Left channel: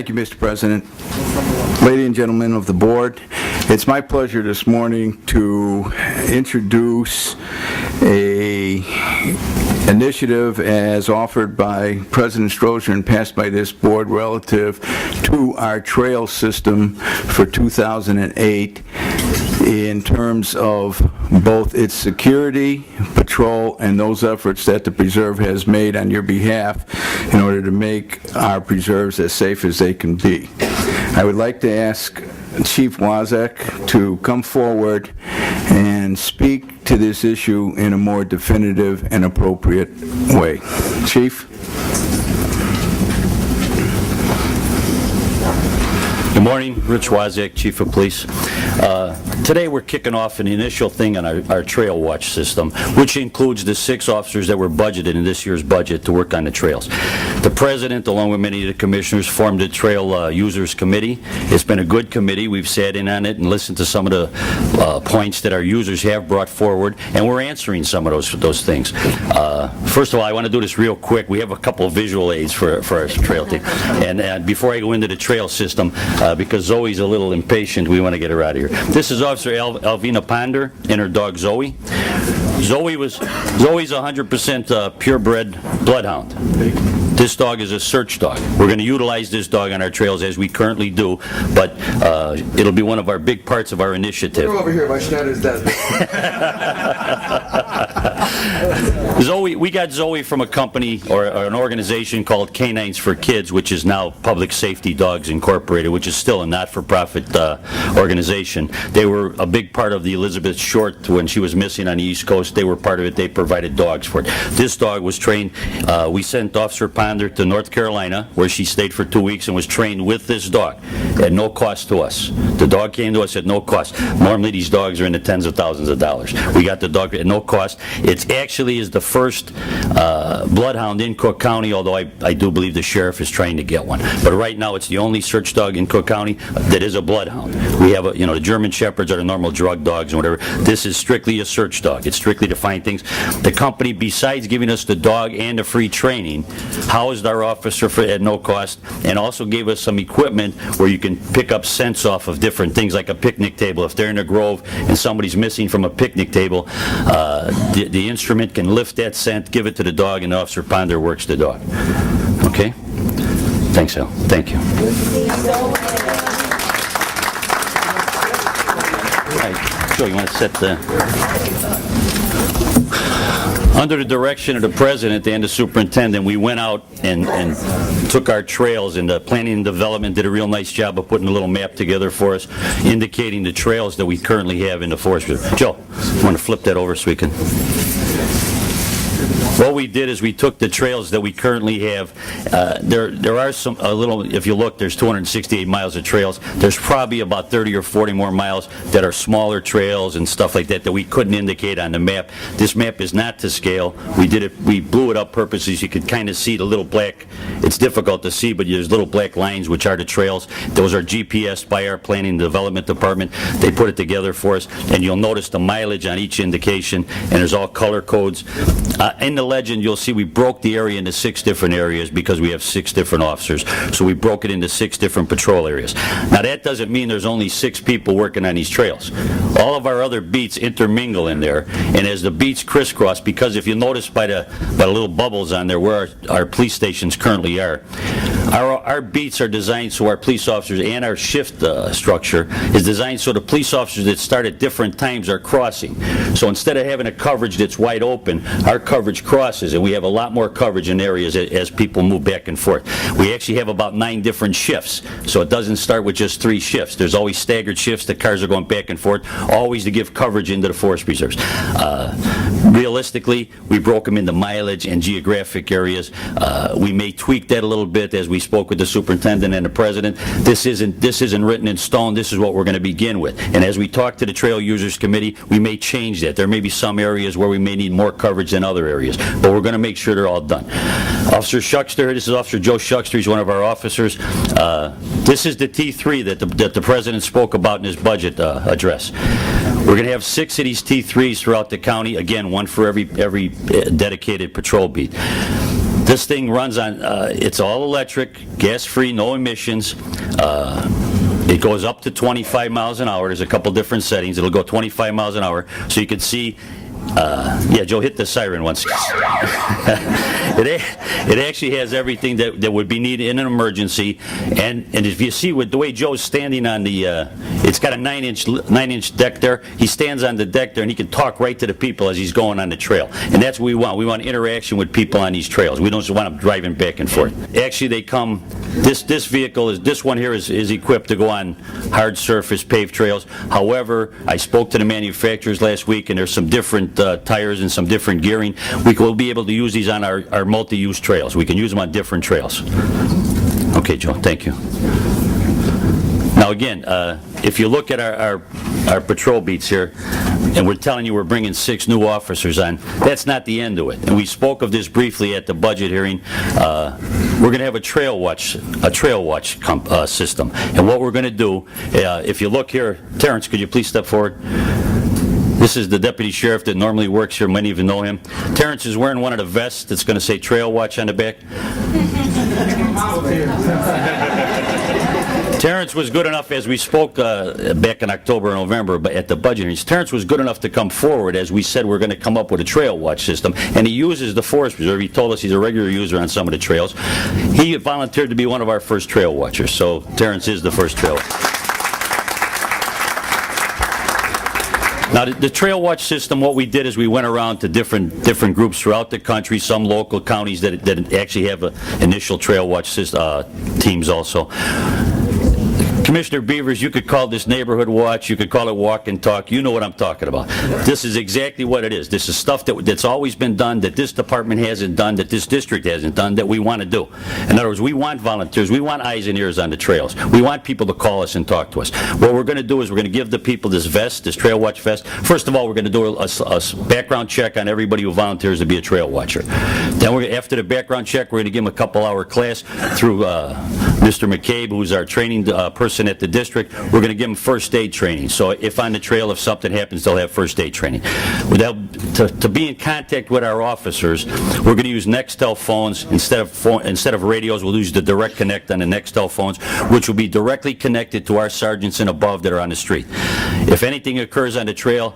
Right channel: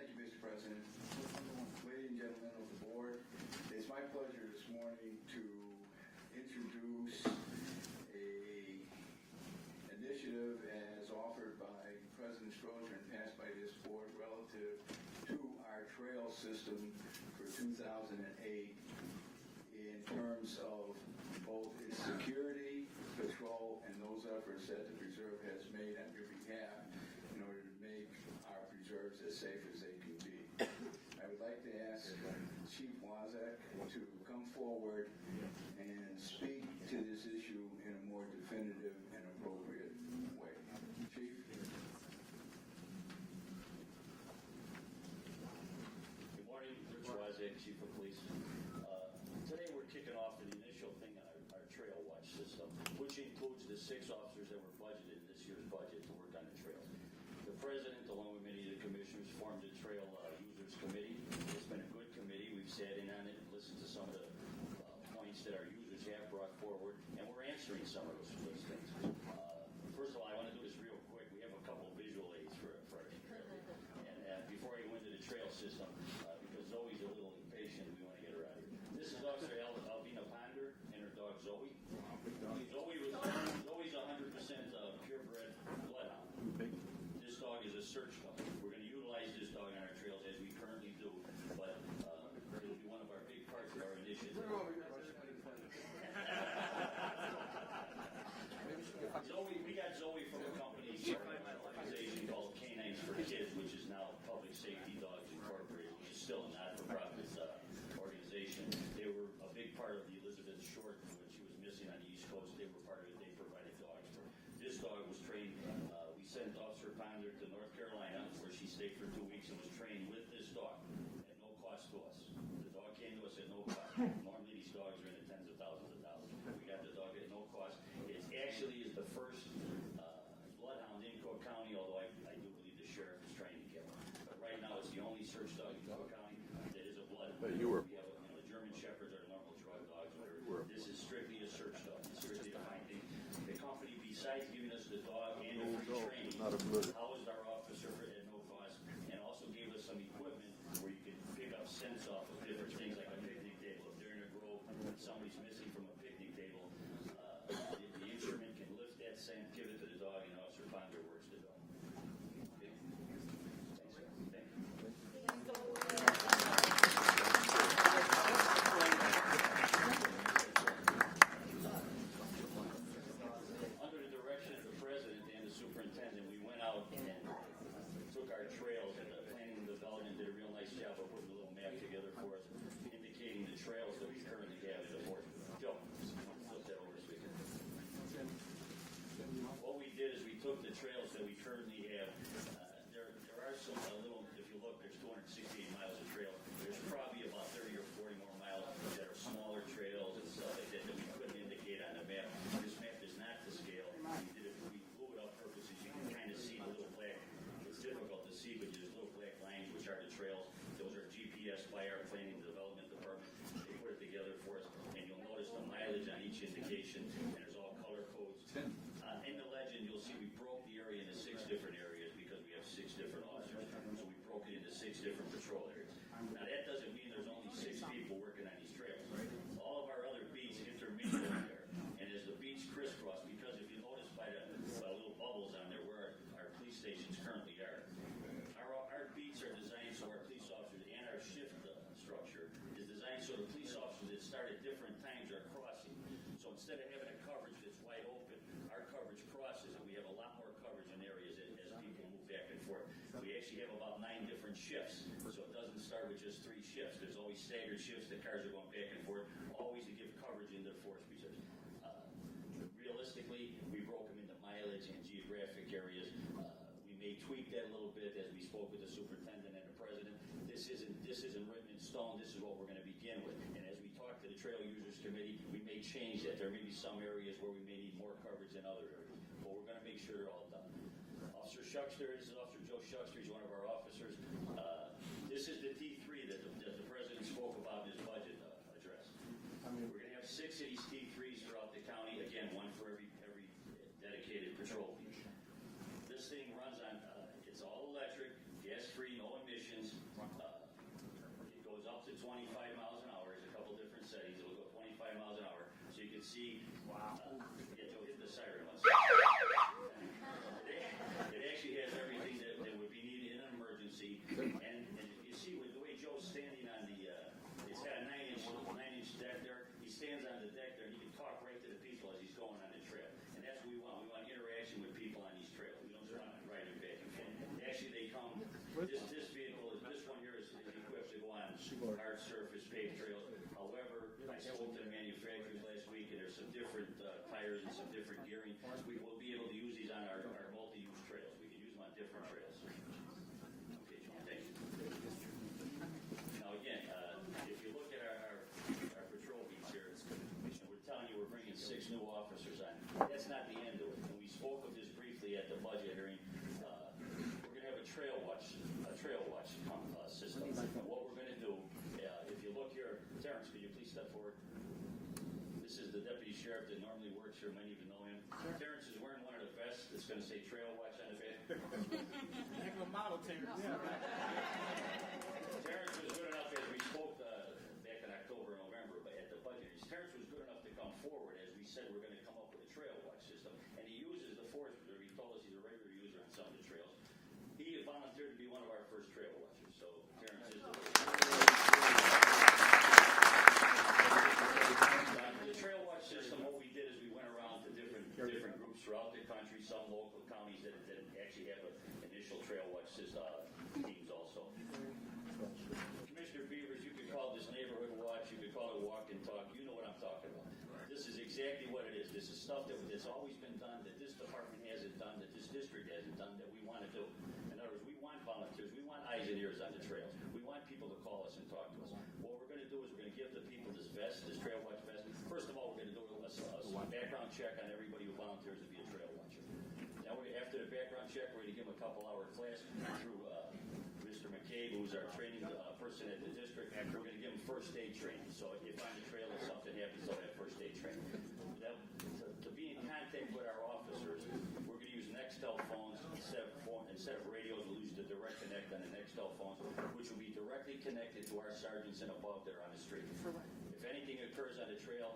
Thank you, Mr. President. Ladies and gentlemen of the board, it's my pleasure this morning to introduce a initiative as offered by President Strozier and passed by this board relative to our trail system for 2008 in terms of both its security, patrol, and those efforts that the preserve has made on your behalf in order to make our preserves as safe as they can be. I would like to ask Chief Wozak to come forward and speak to this issue in a more definitive and appropriate way. Chief? Good morning, Rich Wozak, Chief of Police. Today we're kicking off an initial thing on our trail watch system, which includes the 6 officers that were budgeted in this year's budget to work on the trails. The President, along with many of the commissioners, formed a Trail Users Committee. It's been a good committee. We've sat in on it and listened to some of the points that our users have brought forward, and we're answering some of those things. First of all, I want to do this real quick. We have a couple of visual aids for our trail team. And before I go into the trail system, because Zoe's a little impatient, we want to get her out of here. This is Officer Alvina Ponder and her dog Zoe. Zoe's 100% purebred bloodhound. This dog is a search dog. We're going to utilize this dog on our trails as we currently do, but it'll be one of our big parts of our initiative. Come over here by Schneider's desk. Zoe, we got Zoe from a company or an organization called Canines for Kids, which is now Public Safety Dogs Incorporated, which is still a not-for-profit organization. They were a big part of the Elizabeth Short when she was missing on the East Coast. They were part of it. They provided dogs for it. This dog was trained. We sent Officer Ponder to North Carolina, where she stayed for 2 weeks and was trained with this dog at no cost to us. The dog came to us at no cost. Normally these dogs are in the tens of thousands of dollars. We got the dog at no cost. It actually is the first bloodhound in Cook County, although I do believe the sheriff is trying to get one. But right now it's the only search dog in Cook County that is a bloodhound. We have the German Shepherds are the normal drug dogs and whatever. This is strictly a search dog. It's strictly to find things. The company, besides giving us the dog and the free training, housed our officer at no cost, and also gave us some equipment where you can pick up scents off of different things, like a picnic table. If they're in a grove and somebody's missing from a picnic table, the instrument can lift that scent, give it to the dog, and Officer Ponder works the dog. Okay? Thanks, Al. Thank you. All right. Joe, you want to set the... Under the direction of the President and the Superintendent, we went out and took our trails, and the Planning and Development did a real nice job of putting a little map together for us, indicating the trails that we currently have in the Forest Reserve. Joe, you want to flip that over so we can... What we did is we took the trails that we currently have. There are if you look, there's 268 miles of trails. There's probably about 30 or 40 more miles that are smaller trails and stuff like that we couldn't indicate on the map. This map is not to scale. We blew it up purposely so you could kind of see the little black. It's difficult to see, but there's little black lines, which are the trails. Those are GPSed by our Planning and Development Department. They put it together for us, and you'll notice the mileage on each indication, and there's all color codes. In the legend, you'll see we broke the area into 6 different areas because we have 6 different officers. So we broke it into 6 different patrol areas. Now that doesn't mean there's only 6 people working on these trails. All of our other beats intermingle in there, and as the beats crisscross, because if you notice by the little bubbles on there where our police stations currently are, our beats are designed so our police officers, and our shift structure is designed so the police officers that start at different times are crossing. So instead of having a coverage that's wide open, our coverage crosses, and we have a lot more coverage in areas as people move back and forth. We actually have about 9 different shifts, so it doesn't start with just 3 shifts. There's always staggered shifts. The cars are going back and forth, always to give coverage into the forest preserves. Realistically, we broke them into mileage and geographic areas. We may tweak that a little bit as we spoke with the superintendent and the president. This isn't written in stone. This is what we're going to begin with. And as we talk to the Trail Users Committee, we may change that. There may be some areas where we may need more coverage than other areas, but we're going to make sure they're all done. Officer Shuckster, this is Officer Joe Shuckster. He's one of our officers. This is the T3 that the president spoke about in his budget address. We're going to have 6 of these T3s throughout the county. Again, one for every dedicated patrol beat. This thing runs on, it's all electric, gas-free, no emissions. It goes up to 25 miles an hour. There's a couple different settings. It'll go 25 miles an hour, so you can see. Yeah, Joe, hit the siren once. It actually has everything that would be needed in an emergency, and if you see with the way Joe's standing on the, it's got a 9-inch deck there. He stands on the deck there, and he can talk right to the people as he's going on the trail, and that's what we want. We want interaction with people on these trails. We don't just want them driving back and forth. Actually, they come. This vehicle this one here is equipped to go on hard surface paved trails. However, I spoke to the manufacturers last week, and there's some different tires and some different gearing. We will be able to use these on our multi-use trails. We can use them on different trails. Okay, Joe, thank you. Now again, if you look at our patrol beats here, and we're telling you we're bringing 6 new officers on, that's not the end of it. And we spoke of this briefly at the budget hearing. We're going to have a trail watch system. And what we're going to do, if you look here, Terrence, could you please step forward? This is the deputy sheriff that normally works here. Many of you know him. Terrence is wearing one of the vests that's going to say Trail Watch on the back. Terrence was good enough, as we spoke back in October and November but at the budget hearings, Terrence was good enough to come forward as we said we're going to come up with a trail watch system, and he uses the Forest Preserve. He told us he's a regular user on some of the trails. He volunteered to be one of our first trail watchers, so Terrence is the first trail watcher. Now, the Trail Watch system, what we did is we went around to different groups throughout the country, some local counties that actually have initial Trail Watch teams also. Commissioner Beavers, you could call this neighborhood watch, you could call it walk and talk, you know what I'm talking about. This is exactly what it is. This is stuff that's always been done, that this department hasn't done, that this district hasn't done, that we want to do. In other words, we want volunteers, we want eyes and ears on the trails. We want people to call us and talk to us. What we're going to do is we're going to give the people this vest, this Trail Watch vest. First of all, we're going to do a background check on everybody who volunteers to be a trail watcher. Then after the background check, we're going to give them a couple-hour class through Mr. McCabe, who's our training person at the district. We're going to give them first aid training. So if on the trail, if something happens, they'll have first aid training. To be in contact with our officers, we're going to use Nextel phones instead of radios. We'll use the direct connect on the Nextel phones, which will be directly connected to our sergeants and above that are on the street. If anything occurs on the trail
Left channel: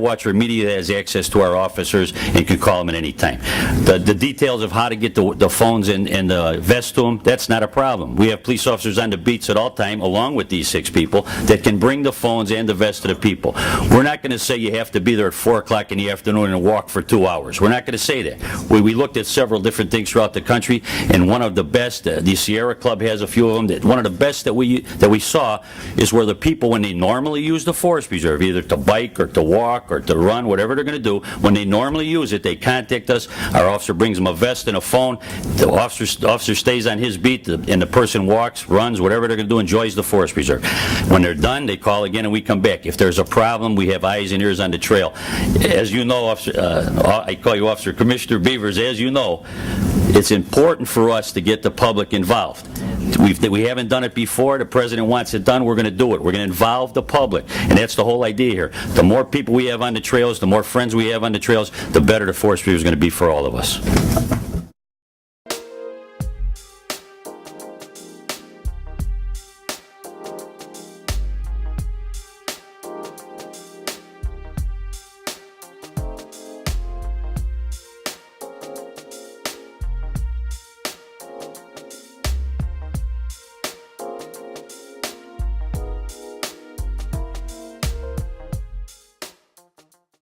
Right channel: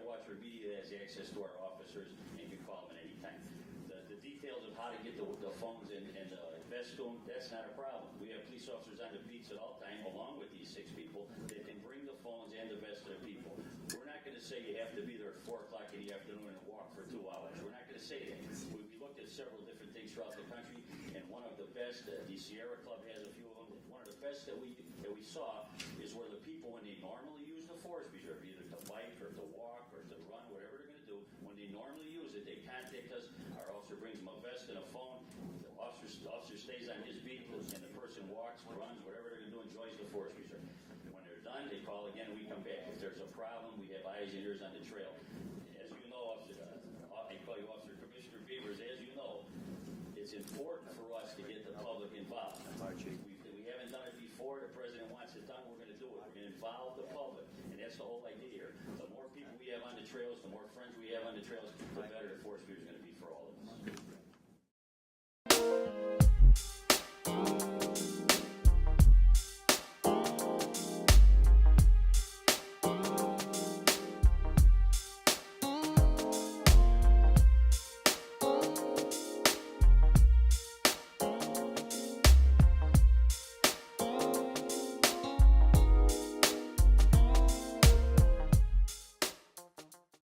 watcher immediately has access to our officers and can call them at any time. The details of how to get the phones and the vest to them, that's not a problem. We have police officers on the beats at all time, along with these 6 people, that can bring the phones and the vest to the people. We're not going to say you have to be there at 4 o'clock in the afternoon and walk for 2 hours. We're not going to say that. We looked at several different things throughout the country, and one of the best, the Sierra Club has a few of them, one of the best that we saw is where the people, when they normally use the Forest Preserve, either to bike or to walk or to run, whatever they're going to do, when they normally use it, they contact us. Our officer brings them a vest and a phone. The officer stays on his beat, and the person walks, runs, whatever they're going to do, enjoys the Forest Preserve. When they're done, they call again and we come back. If there's a problem, we have eyes and ears on the trail. As you know, I call you Officer Commissioner Beavers, as you know, it's important for us to get the public involved. We haven't done it before. The president wants it done. We're going to do it. We're going to involve the public, and that's the whole idea here. The more people we have on the trails, the more friends we have on the trails, the better the Forest Preserve is going to be for all of us.